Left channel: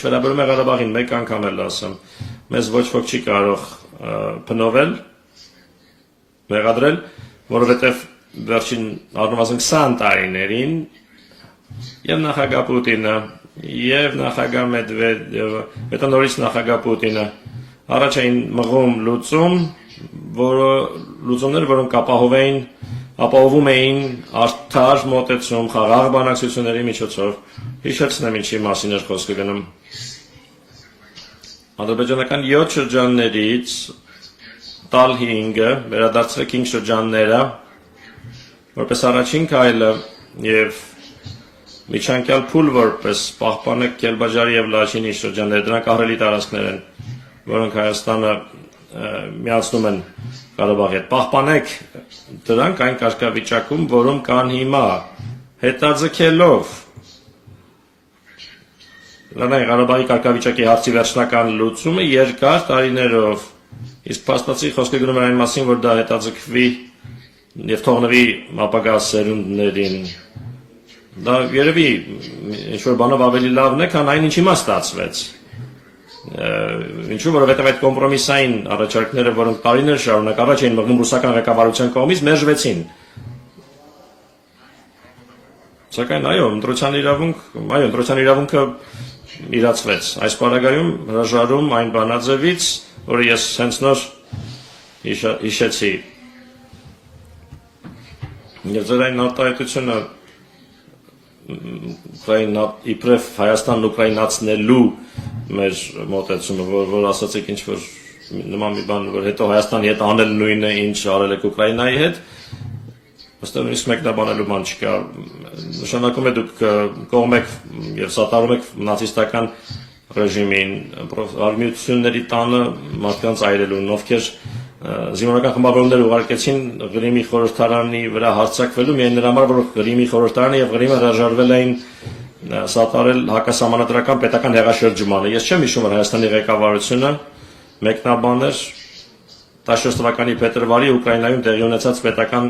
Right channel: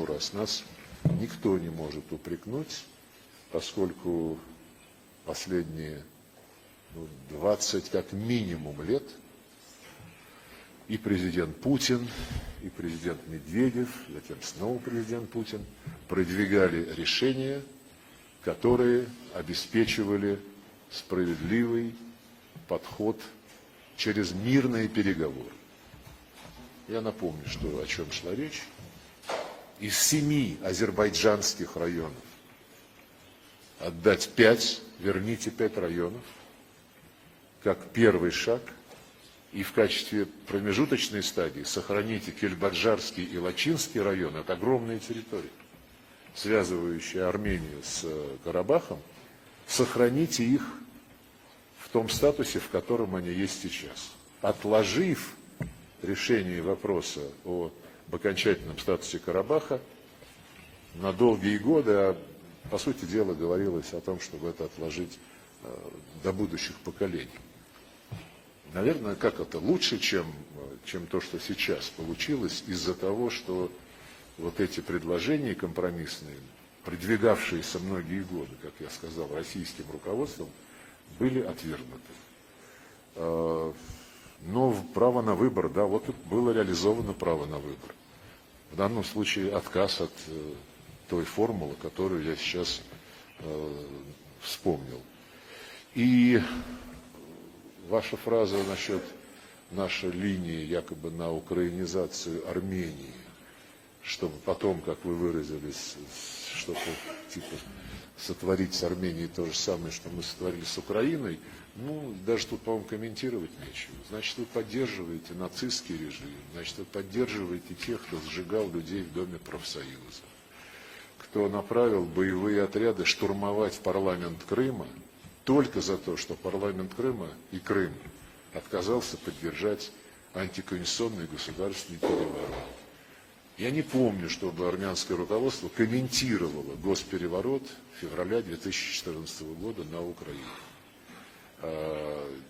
Ինչ վերաբերում է Ղարաբաղին, մեկ անգամ էլ ասեմ, մեզ ոչ ոք չի կարող փնովել, մեղադրել, որովհետև վերջին առնվազն 20 տարիներին եւ նախագահ Պուտինը եւ նախագահ Մեդվեդևը, հետո նորից նախագահ Պուտինը առաջ էին մղում լուծումներ, որոնք ապահովում էին արդար մոտեցում, խաղաղ բանակցությունների միջոցով։ Հիշեցնեմ ինչի մասին էր խոսքը գնում։ Ադրբեջանական 7 շրջաններից տալ 5-ը, վերադարձրել 5 շրջանները, որպես առաջին քայլը եւ միջանկյալ փուլ որպես պահպանել Կելբաջարի եւ Լաչինի շրջանները, դրանք ահռելի տարածքներ են, որոնք Հայաստանը միացնում են Ղարաբաղի հետ։ Պահպանեք դրանք այն կարգավիճակում, որում կան հիմա, հետաձգելով Ղարաբաղի կարգավիճակի հարցի վերջնական լուծումը երկար տարիներով, իսկ փաստացի խոսքը գնում է այն մասին, որ դա հետաձգվի եւ թողնվի ապագա սերունդներին։ Դա երևի ինչ-որ բանով ավելի լավն է, քան այն ինչ հիմա ստացվեց։ Ինչու՞, որովհետև այդ կոմպրոմիսային առաջարկները, որոնք տարիներ շարունակ առաջ էին մղվում ռուսական ղեկավարության կողմից, մերժվեցին։ Սակայն ընտրության իրավունքը իրացվեց։ Այս պարագայում հրաժարում այն բանաձևից, որը ես հենց նոր հիշեցի։ Եվ ձեր այն արտահայտությունը իբրև Հայաստանն ուկրաինացնելու մեր մոտեցումը, որ ասացիք ինչ-որ նման մի բան, որ հետո Հայաստանի հետ անել նույնը, ինչ արել եք Ուկրաինայի հետ, ըստեղ նույնիսկ մեկնաբանելու բան չկա։ Նշանակում է դուք կողմ եք եւ սատարում եք նացիստական ռեժիմին, արմիությունների տանը մարդկանց այրելուն, ովքեր զինվորական խմբավորումներ ուղարկեցին Ղրիմի խորհրդարանի վրա հարձակվելու միայն նրա համար, որ Ղրիմի խորհրդարանը եւ Ղրիմը հրաժարվել էին սատարել հակասահմանադրական պետական հեղաշրջմանը։ Ես չեմ հիշում, որ Հայաստանի ղեկավարությունը մեկնաբաներ 14 թվականի փետրվարի Ուկրաինայում տեղի ունեցած պետական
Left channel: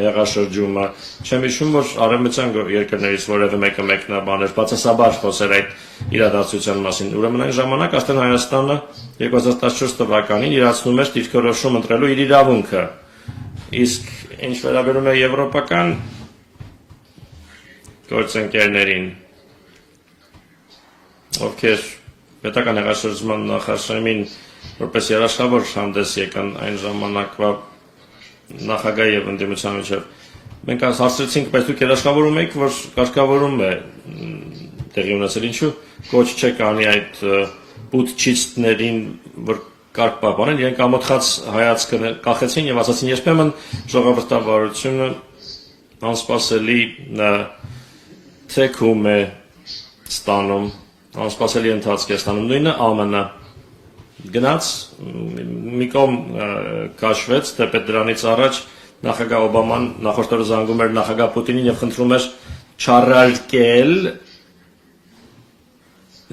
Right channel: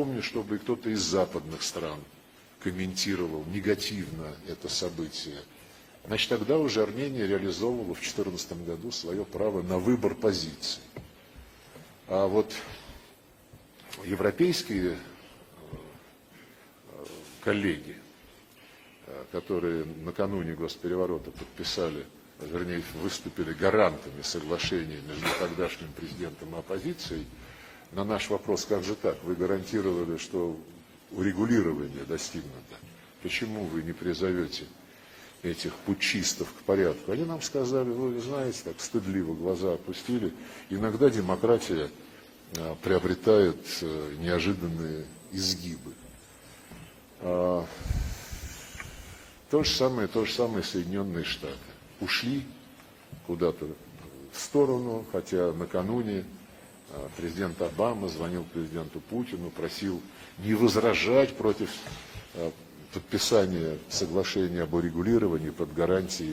հեղաշրջումը։ Չեմ հիշում, որ արևմտյան երկրներից որևէ մեկը մեկնաբաներ, բացասաբար խոսեր այդ իրադարձության մասին։ Ուրեմն այն ժամանակ արդեն Հայաստանը 2014 թվականին իրացնում էր դիրքորոշում ընտրելու իր իրավունքը։ Իսկ ինչ վերաբերում է եվրոպական գործընկերներին, ովքեր պետական հեղաշրջման նախաշեմին որպես երաշխավոր հանդես եկան այն ժամանակվա նախագահ եւ ընդդիմության միջեւ։ Մենք հարցրեցինք, բայց դուք երաշխավորում եք, որ կարգավորում է տեղի ունեցել, ինչու ոչ չեք անի այդ պուտչիստներին, որ կարգ պահպանեն, իրենք ամոթխած հայացքը կախեցին եւ ասացին, երբեմն ժողովրդավարությունը անսպասելի թեքում է ստանում, անսպասելի ընթացք է ստանում, նույնը ԱՄՆ-ը գնաց, մի կողմ քաշվեց, թեպետ դրանից առաջ նախագահ Օբաման նախորդ օրը զանգում էր նախագահ Պուտինին եւ խնդրում էր չառարկել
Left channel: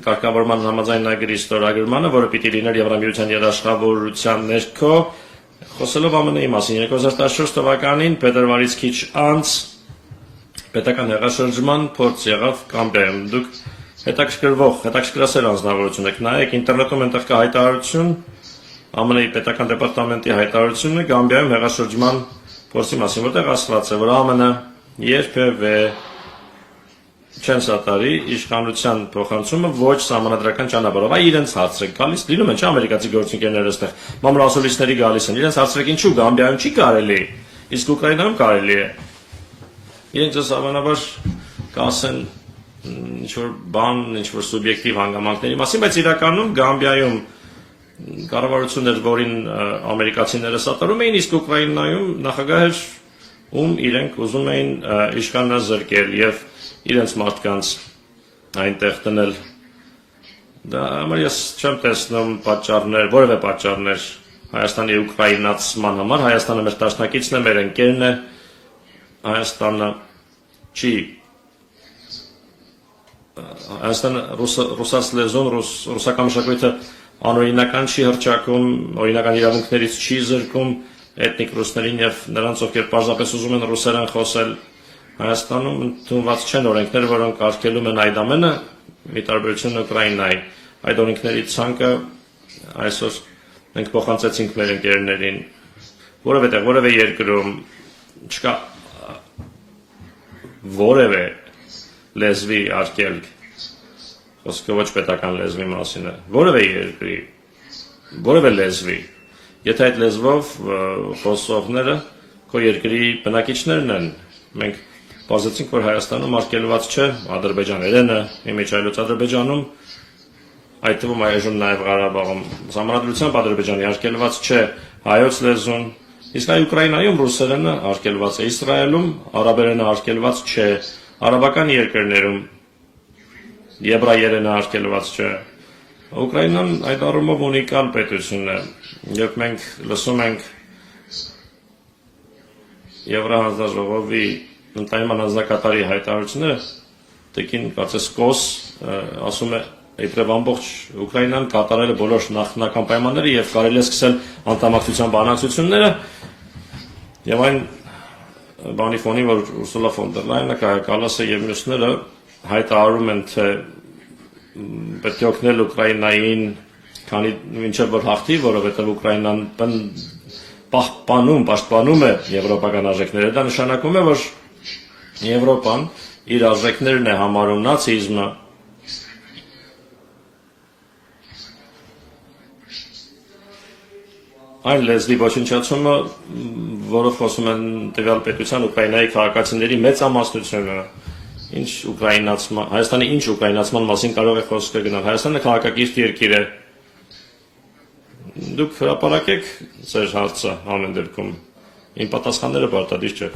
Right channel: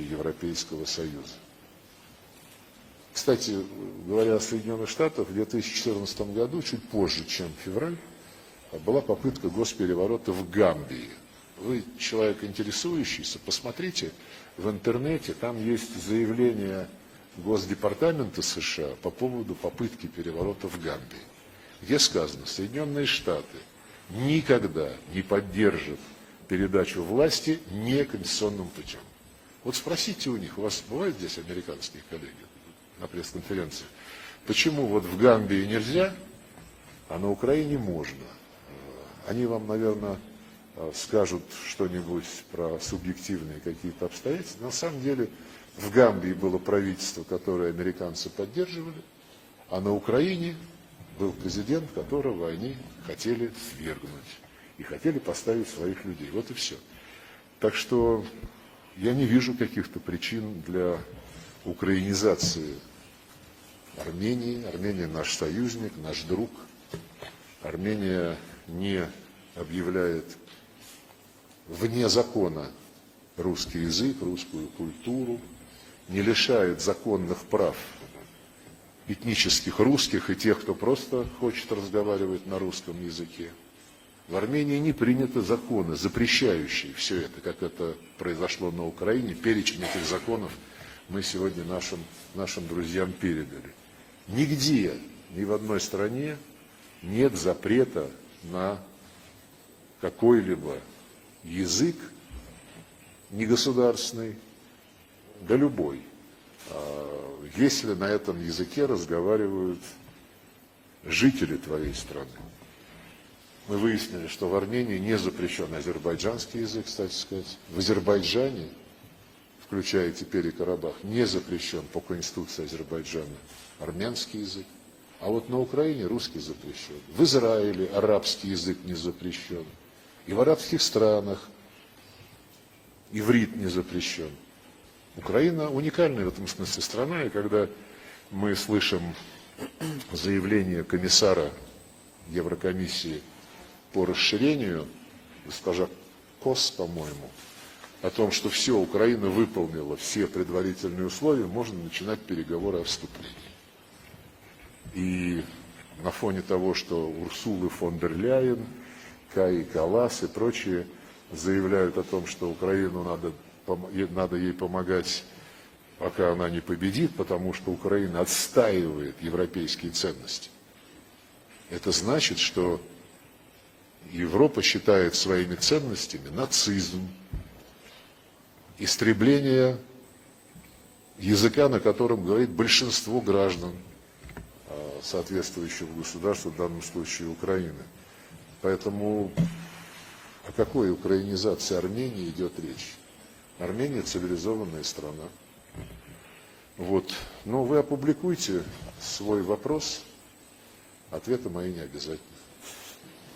կարգավորման համաձայնագրի ստորագրմանը, որը պիտի լիներ Եվրամիության երաշխավորության ներքո, խոսելով ԱՄՆ-ի մասին 2014 թվականին փետրվարից քիչ անց պետական հեղաշրջման փորձ եղավ Կամբերում։ Դուք հետաքրքրասեր անձնավորություն եք, նայեք ինտերնետում այնտեղ կա հայտարարություն, ԱՄՆ-ի պետական դեպարտամենտի հայտարարությունը Գամբիայում հեղաշրջման փորձի մասին, որտեղ ասված է, որ ԱՄՆ-ը երբևէ չեն սատարի իշխանության փոխանցումը ոչ սահմանադրական ճանապարհով, այ իրենց հարցրեք, գալիս լինում են, չէ՞, ամերիկացի գործընկերները այստեղ մամուլասոլիստների գալիս են, իրենց հարցրեք, ինչու Գամբիայում չի կարելի, իսկ Ուկրաինայում կարելի է։ Իրենք ձեզ հավանաբար կասեն ինչ-որ բան, ինչ-որ սուբյեկտիվ հանգամանքների մասին, բայց իրականում Գամբիայում կառավարություններ, որին ամերիկացիները սատարում էին, իսկ Ուկրաինայում նախագահ էր, ում իրենք ուզում էին իշխանազրկել եւ իրենց մարդկանց այնտեղ դնել։ Դա համար ես չեմ տեսնում պատճառներ, որևէ պատճառներ Հայաստանի ուկրաինացման համար, Հայաստանը մեր դաշնակիցն է, մեր ընկերն է, Հայաստանը չի Հայաստանը ռուսաց լեզուն, ռուսական մշակույթը անօրինական չի հռչակում, օրինական իրավունքներից չի զրկում էթնիկ ռուսներին եւ նրանց, ովքեր պարզապես ուզում են ռուսերեն խոսել։ Հայաստանում ընդունված չեն օրենքներ, որոնք արգելում են այդ ամենը, ի տարբերություն Ուկրաինայի։ Այդ օրենքների ցանկը այսօր մենք փոխանցեցինք մեր ընկերներին, որևէ երկրում չկա որևէ լեզվի արկելք, խոսքը ոչ պետական լեզվի մասին է, որևէ երկրի, որևէ լեզվի, եթե այդ լեզվով խոսողները քո երկրի բնակիչներն են, մենք բացեցինք, որ Հայաստանում արգելված չէ ադրբեջաներենը, իմիջայլոց Ադրբեջանում, այդ թվում այժմ նաև Ղարաբաղում, ժամանակությամբ Ադրբեջանի արգելված չէ հայոց լեզուն, իսկ այ Ուկրաինայում ռուսերենը արգելված է, Իսրայելում արաբերենը արգելված չէ, արաբական երկրներում եբրայերենը արգելված չէ։ Ուկրաինան այդ առումով ունիկալ պետություն է, երբ մենք լսում ենք Եվրահանձնաժողովի ընդայնման հանձնակատարի հայտարարությունները, տեկին կարծես Կոս ասում է, իբրև ամբողջ Ուկրաինան կատարել է բոլոր նախնական պայմանները եւ կարելի է սկսել անդամակցության բանակցությունները, եւ այն բանի ֆոնի, որ Ուրսուլա ֆոն դեր Լայենը, Կայա Կալասը եւ մյուսները հայտարարում են, թե պետք է օգնել Ուկրաինային, քանի մինչեւ որ հաղթի, որովհետեւ Ուկրաինան պաշտպանում է եվրոպական արժեքները, դա նշանակում է, որ Եվրոպան իր արժեքներն է համարում նացիզմը, языка, на котором говорит большинство граждан. Այն լեզվի ոչնչացումը, որով խոսում են տվյալ պետության Ուկրաինայի քաղաքացիների մեծամասնությունը, Հայաստանի ինչ ուկրաինացման մասին կարող է խոսքը գնալ, Հայաստանը քաղաքակիրթ երկիր է, դուք հրապարակեք ձեր հարցը ամեն դեպքում, իմ պատասխանները պարտադիր չէ։